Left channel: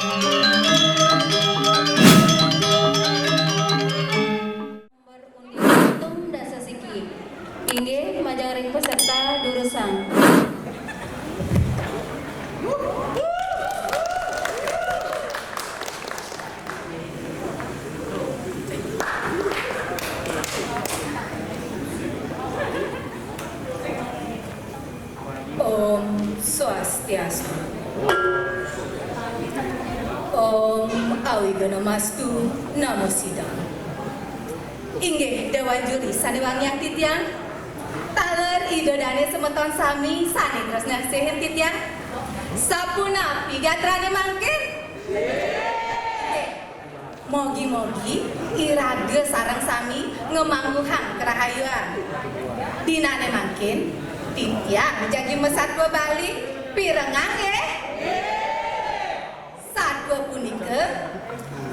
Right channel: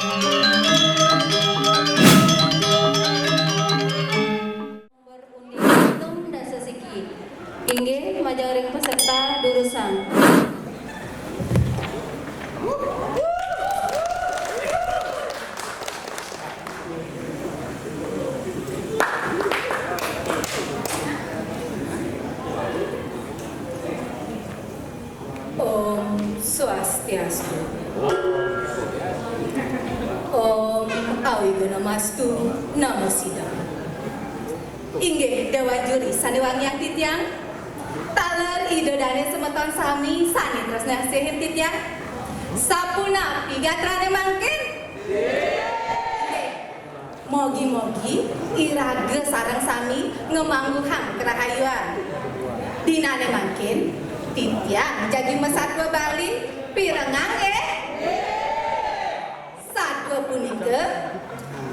Berundian dan sesiki. Inggih majaring peserta durusan. Om Swastiastu. Om Awigana-mastu Namo Siddhaya. Inggih dewan juri sanewangi yang titian taler ide dane semeton sami sani terus nasihin titian sapuna pigatrane mangkin mogi-mogi irage sareng sami ngemangguhang kerahayuan dinane mangkin titian jadi mesatwa Bali pirengang satwa punika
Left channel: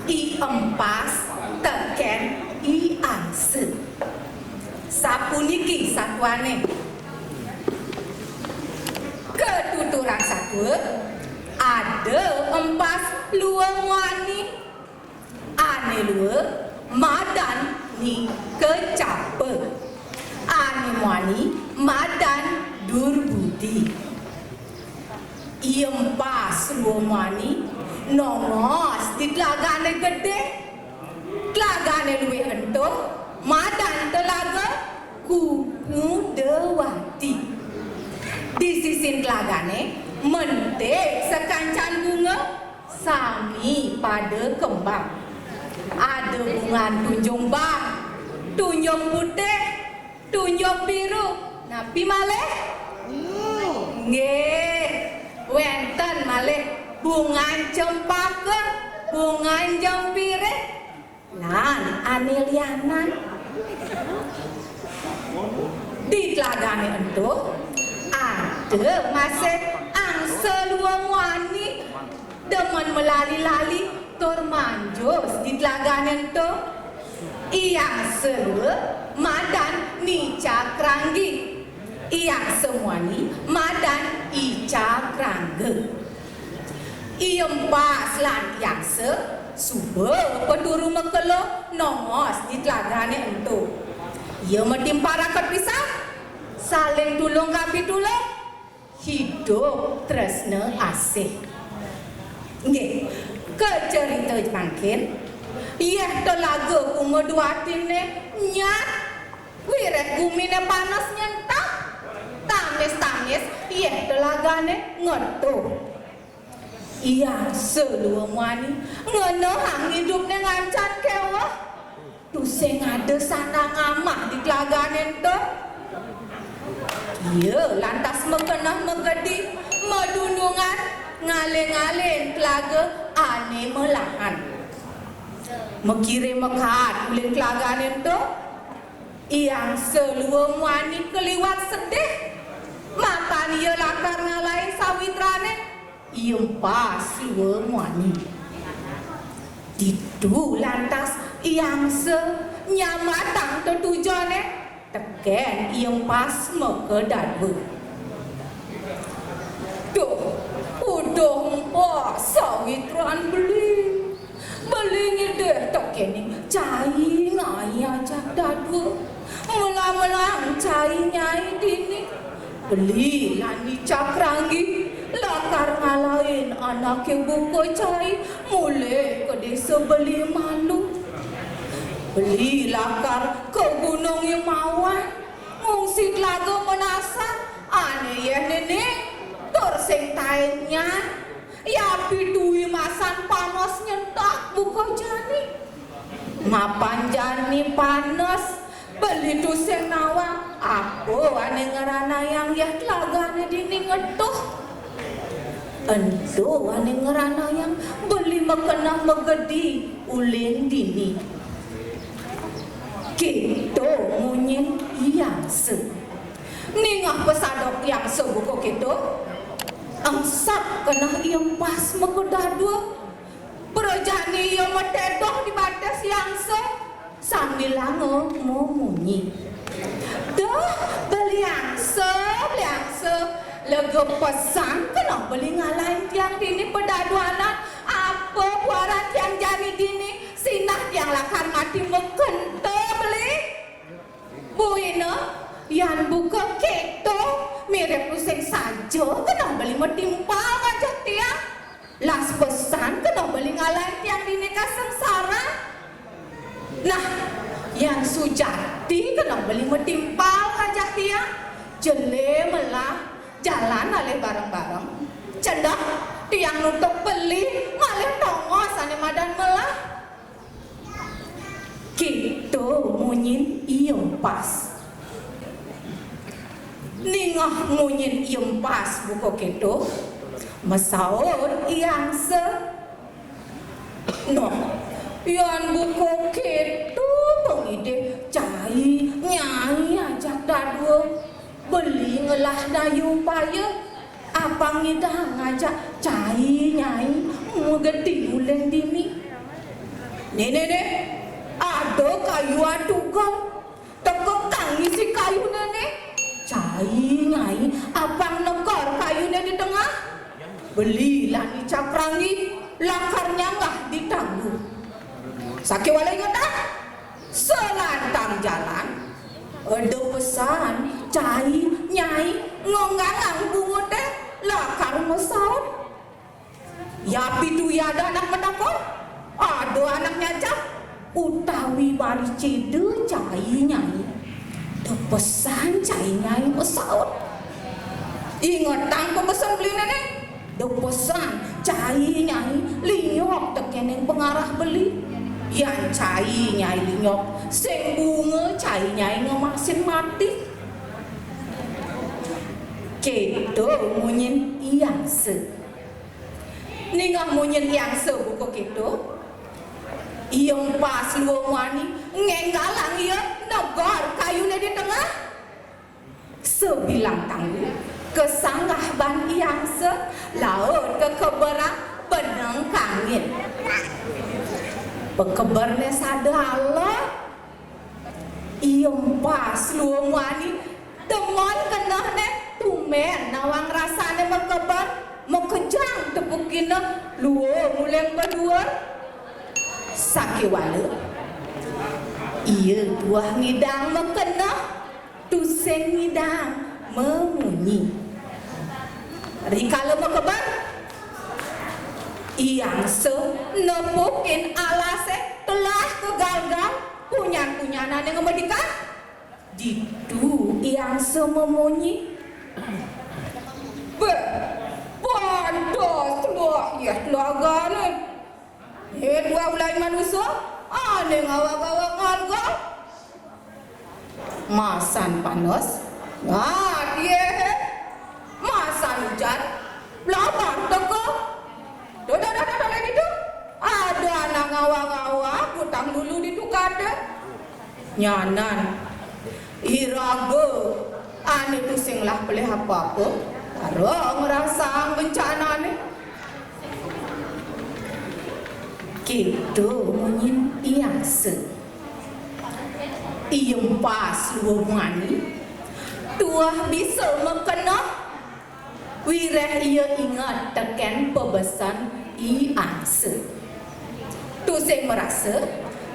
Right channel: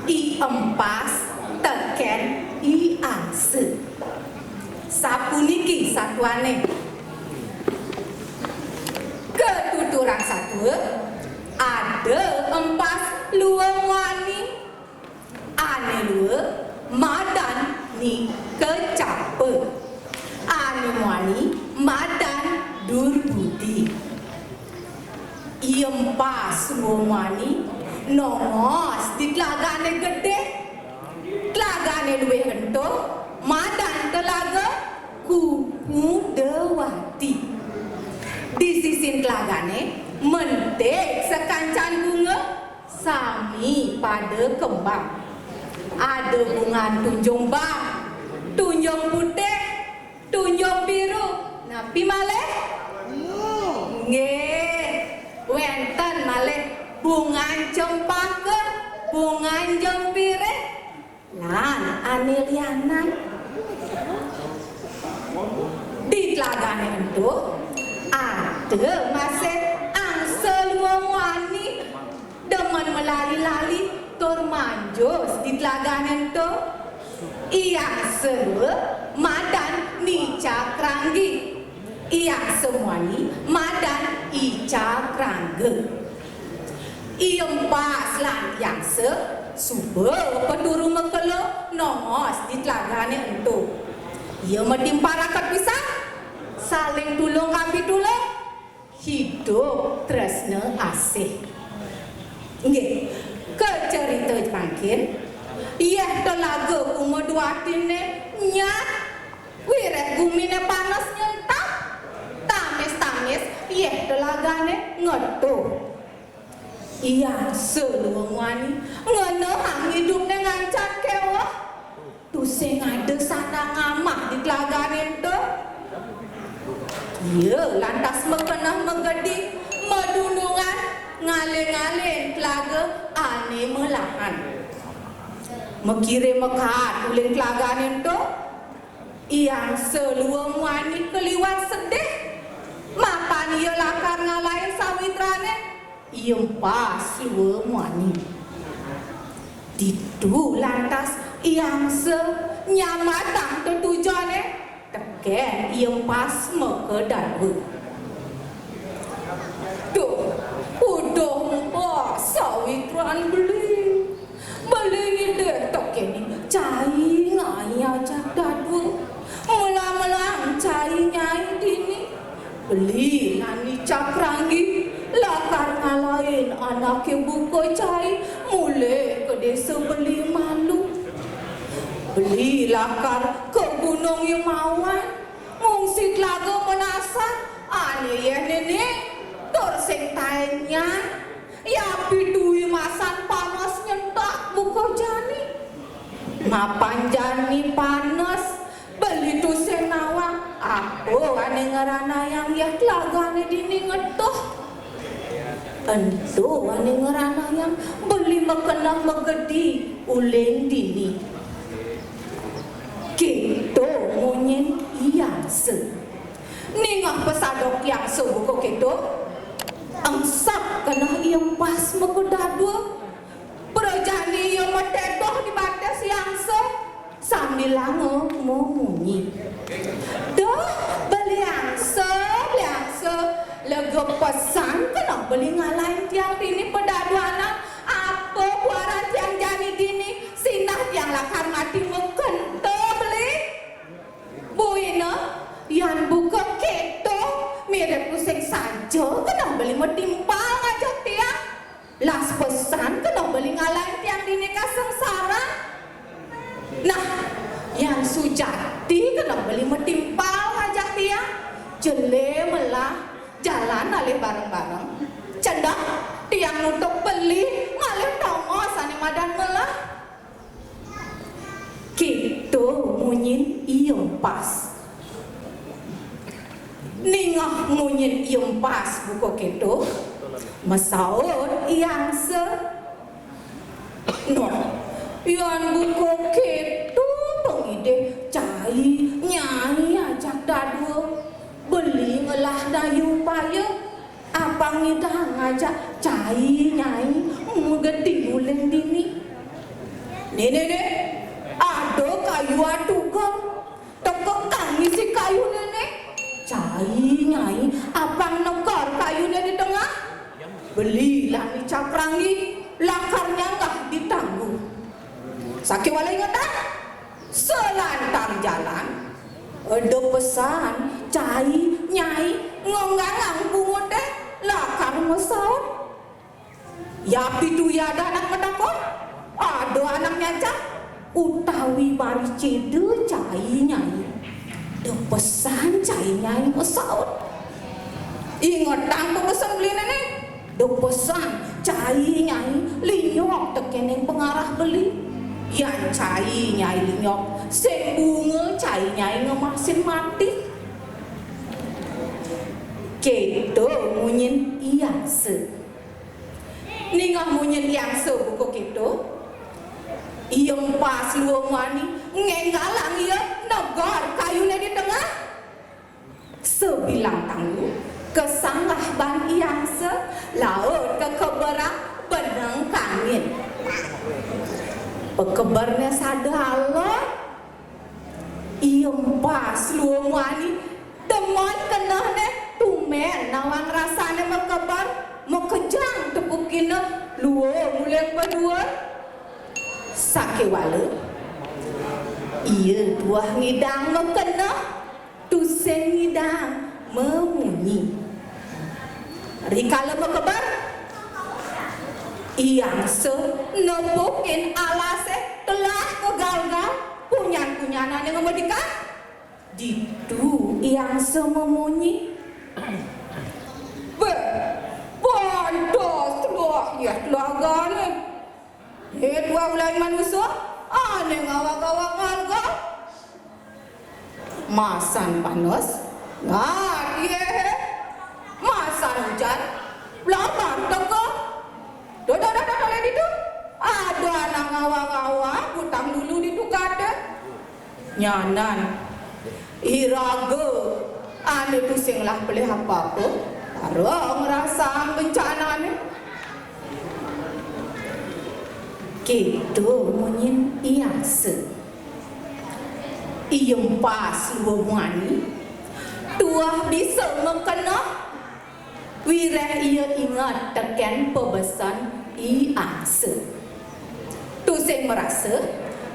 i empas teken i angse sapuniki satuane ketuturang satwa ada empas luang wani ane lua madan ni kecape ane wani madan durbudi empas luang wani nongos di telagane gede telagane luwe ento madan telaga kupu dewati di sisin telagane mentek sekancan bunga sami pada kembang ada bunga tunjung bang tunjung putih tunjung biru napi malih nggih wenten malih bunga cempaka bunga jempire lan anelianan di telagane itu ada masih angsel luang wani demen melali-lali tur manjus di telagane itu yang seru madan nica kranggi yang semuani madan ica krangge empas lan yang suba penduru mekelo nongos di telagane itu ia metimparakan pisah saling tulung kapi tulung hidup tresna asih nggih ke cerita mangkin iya telaga kumeduatine nyat wirek bumine panas nyentak tangis iya telagane ngetuh iya seluang wani ngenehang hidupnya ngancat kewah tusing ada sana ngamah di telagane itu iya lantas mengenah menggedi medundungan ngale-ngale telaga ane melahan mengirim mekat uling telagane itu yang seluang wani keliwat sedih makan ia lakar ngalahin sawitrane pas luang wani ditu lantas yang senyamatang tetujane teken yang pas mekedadwe tuh udah mbak sawitran beli ngide teken cai ngai aja dadwe mula-mula cai nyai dini beli nani cakranggi lakar ngalahin anak yang buka cai mulai ke desa beli malu beli lakar ke gunung yang mawan mungsi telaga menasan ane ya nenek torseng tainnya ya pidui masan panas nyentak buka jani ngapan jani panas beli tuseng nawang aku ane ngerana yang ya telagane dini ngetuh ento ane ngerana yang beli mekenang megedi ulen dini kita munyin yang se ningah pesadok yang sebuko kita angsak kena yang pas mekedadua berjani yang metedoh di batas yang se sambil lango mau munyi dah beli yang se lega pesan kena beli ngalahin tiang ini pedaduanan apa Nah, yang sujati kena beli metimpal ngajak dia jele melah jalan alih bareng-bareng cendak tiang nutup beli ngalih tongos ane madan melah gitu munyin iyong pas ningah munyin iyong pas buko gitu masaud iyang se no yang buko gitu pengide cai nyai ajak dadu beli ngelah dayu paya apa ngida ngajak cai nyai ngedi ulen dini nene ada kayu aduga tekekang isi kayu nene cai nyai apa nekor kayu di tengah belilah ni cakrangi lakarnya nggak ditangguh sakit wala ingat selantang jalan ada pesan cai nyai ngonggang bungut deh lakar ngesaut ya pitu ya ada anak medakon ada anaknya cak utawi bari cede cai nyai ada pesan cai nyai ngesaut ingat tangku pesan beli nenek ada pesan cai nyai liok teken yang pengarah beli yang cai nyai linyok sing bunga cai nyai ngemasin mati kedo munyin iyang se ningah munyin iyang se buko kedo iyong pas luang wani ngenggalang iya negor kayunya di tengah sebilang tangguh kesanggah ban iyang se laut ke keberak benang kangin pekebarnya sadala iyong pas luang wani demon kena ne tumen nawang rasanya mekebar mekejang tepukina luang mulai berdua sakit wala iya buah ngidang mekena tuseng ngidang memunyi rikala mekebar iyang se nepukin alase telah kegal-gal punyan-punyanan yang ngemedika ditu iyang se memunyi pantas telah ya keluarga ni dua bulan manusia ane ngawak-ngawak harga masan panas dia masan hujan lapar teko dodo itu ada anak ngawak-ngawak hutang dulu ditukade nyanan iraga ane pusing lah beli apa-apa karo ngerasa bencana ni gitu munyin iyang se iyong pas luwani tua bisa mekena wireh iya ingat teken pebesan iyang se tu saya merasa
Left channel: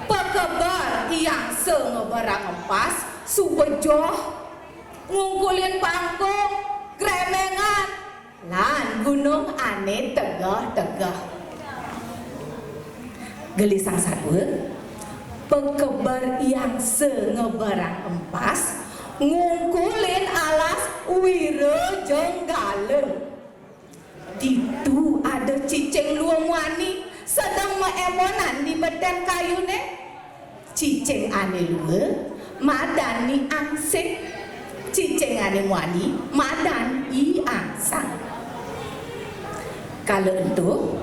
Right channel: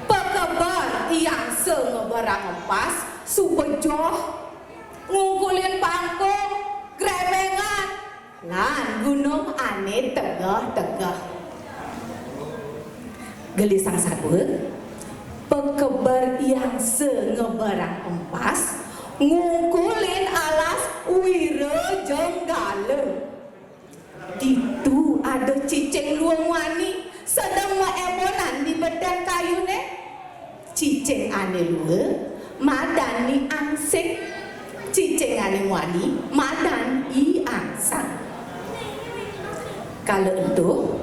pekebar iyang se ngebarang pas subejoh ngungkulin pangkung grebengan lan gunung ane tegah-tegah gelisang sadut pekebar yang sengebarang empas ngungkulin alas wira jenggala ditu ada cicing luang wani sedang maemonan di beden kayu ne cicing ane lua madani ansik cicing ane wani madan i ansang kalau itu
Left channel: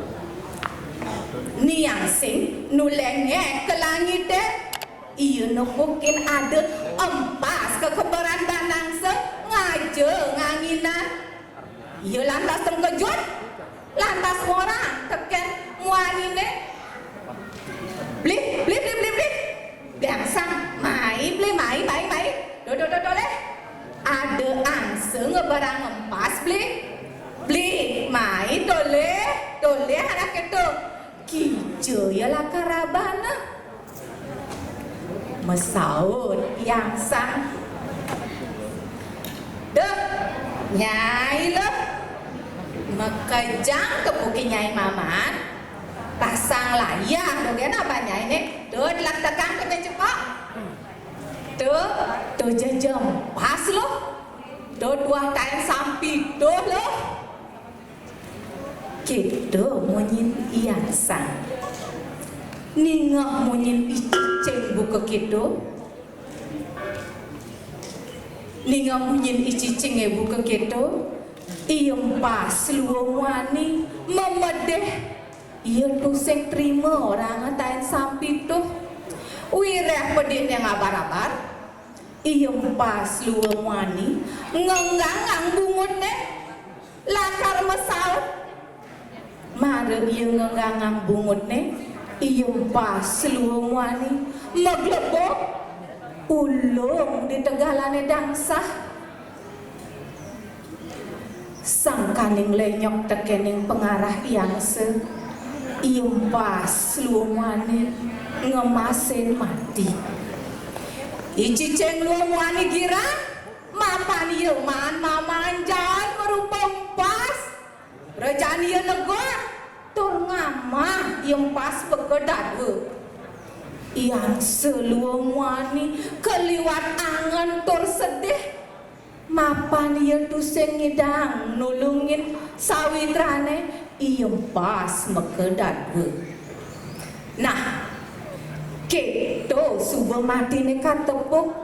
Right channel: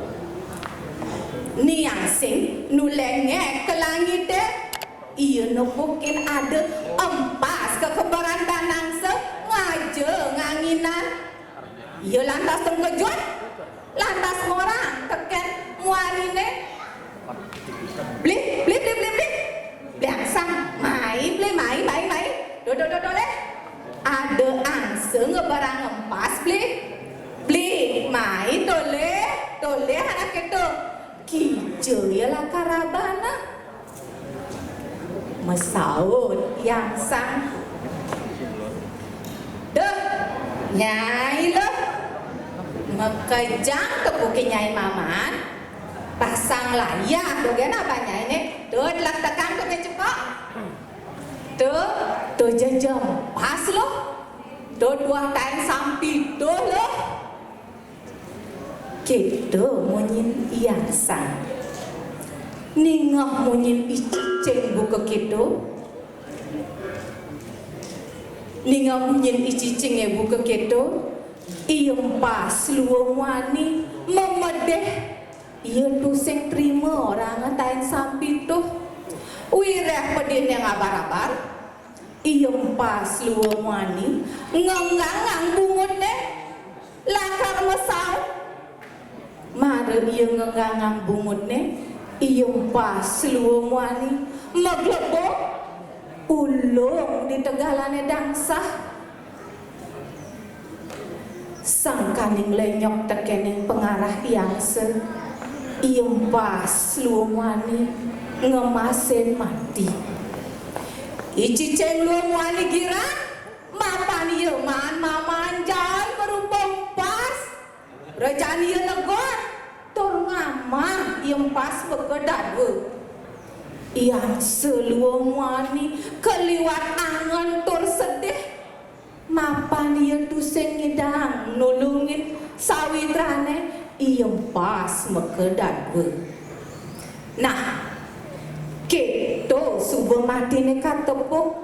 ni yang sing nulenge ke langit iya nepukin ada empas kekebaran danang se ngaje nganginan iya lantas terkejut lantas orang teken muarine beli biasa mai baik do leh ada angse ngebarang empas beli mai dole anak itu kijo ya lah karabana mesaut yang sang dek nyai lo mekejang kebuki nyai maman pasang layar tuh kan apanya ini tuh diletakkan ke cepat tuh jam pas loh tuh dua kain sampi tuh loh kita munyin iyasan ningah munyin icicing buka kita ningah munyin icicing buka kita iyong pas luang wani memedeh ia tu sing terima orang ngatain sampai tu wireh pedih yang abar-abar iyong pas luang wani ngengang bungut ne lakar mesau mare ia ngengang bungut ne iyong pas luang wani maglebok ulung di tegalane dangsah sang kaning lenyok tekening pengarah yang iyong pas luangwani ngemasin mati iciceng luangwani gira mapan iya man mamanjay merupang pas rajaan iya negor tur ngamah iyong pas bekedadwe yang seluangwani keliwat angan tur sedih mapan iya tuseng ngidang nulungin sawitrane iyong pas mekedadwe nah keto subuh mati ne katepuk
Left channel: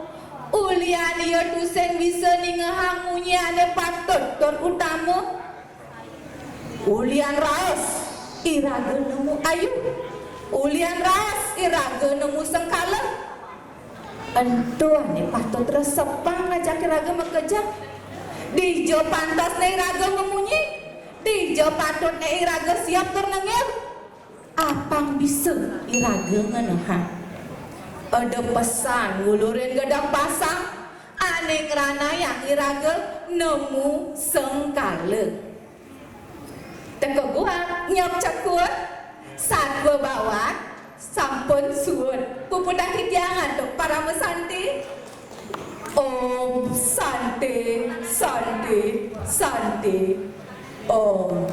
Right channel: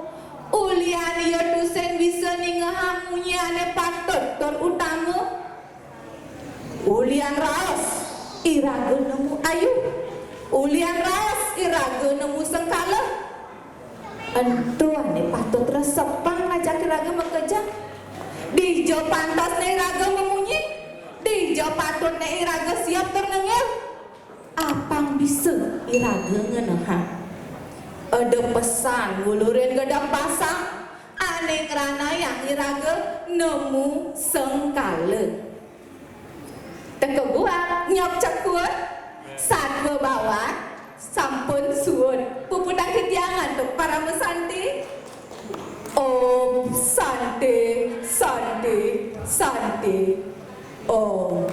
ulian iya tuseng bisa ningahamunyane patut tur utama ulian raos iraga nemu ayu ulian raos iraga nemu sengkala entuan ni patut resepan ngajak iraga bekerja di jo pantas ne iraga memunyi di jo patut ne iraga siap ternengel apang bisa iraga ngenehan ada pesan ngulurin gedang pasang aneh ngerana yang iraga nemu sengkala teka gua nyok ceput saat gua bawa sampun suun puputang kitiangan untuk para mesanti Om Santi Santi Santi Om